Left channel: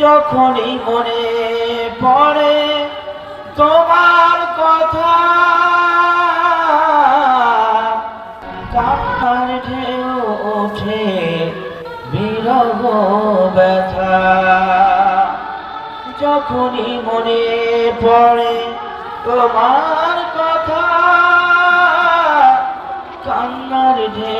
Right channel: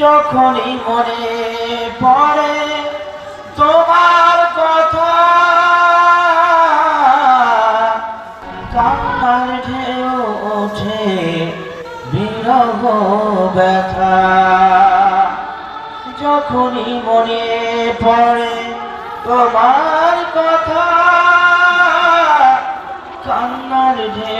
যখনই মনে পড়ে তোমার কথা ওঠে বিরহ ব্যথা। যখনই মনে পড়ে তোমার কথা, কান্নার ঢেউ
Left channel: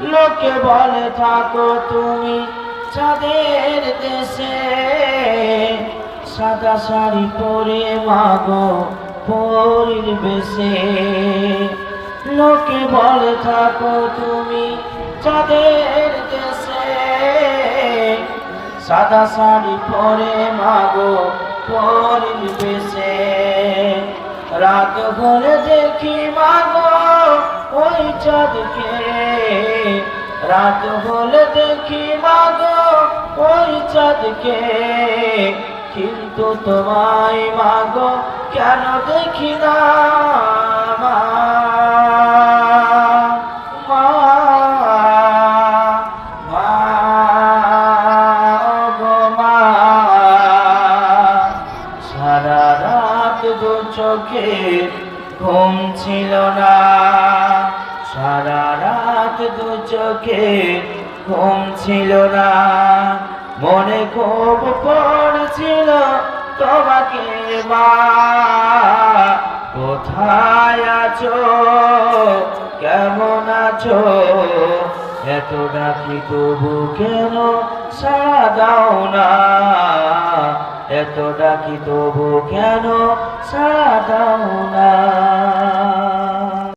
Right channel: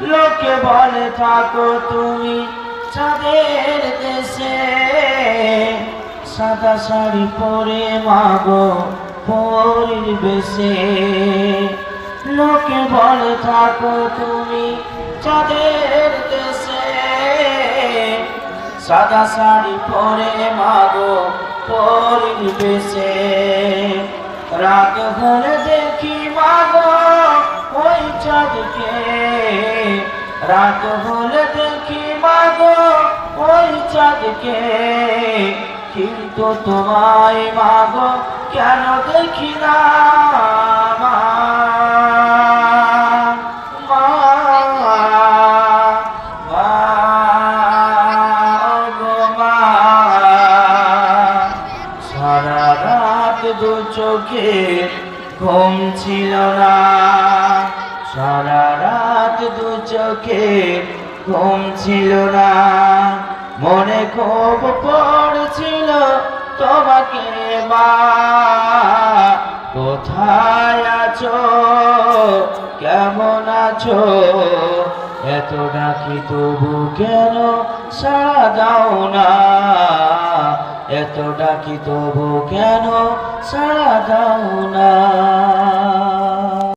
লোকে বলে, থাকো তুমি চাঁদের দেশে। সাদা শাড়ি পরে মাগো পরির বেশে। লোকে বলে, থাকো তুমি চাঁদের দেশে। সাদা শাড়ি পরে মাগো পরির বেশে। রাত হলে দেখি মাগো ওই চাঁদকে। রাত হলে দেখি মাগো ওই চাঁদকে কিন্তু তোমায় মাগো কেন দেখি না। সারা রাত দু চোখে ঘুম ছিল না চোখে ঘুম ছিল না। মনে খুব পড়ছিল তোমাকে মা কোথায় আছো? কেমন আছো? এত ডাকি তবু কেন সাড়া দাও না? এত ডাকি তবু কেন সাড়া দাও না?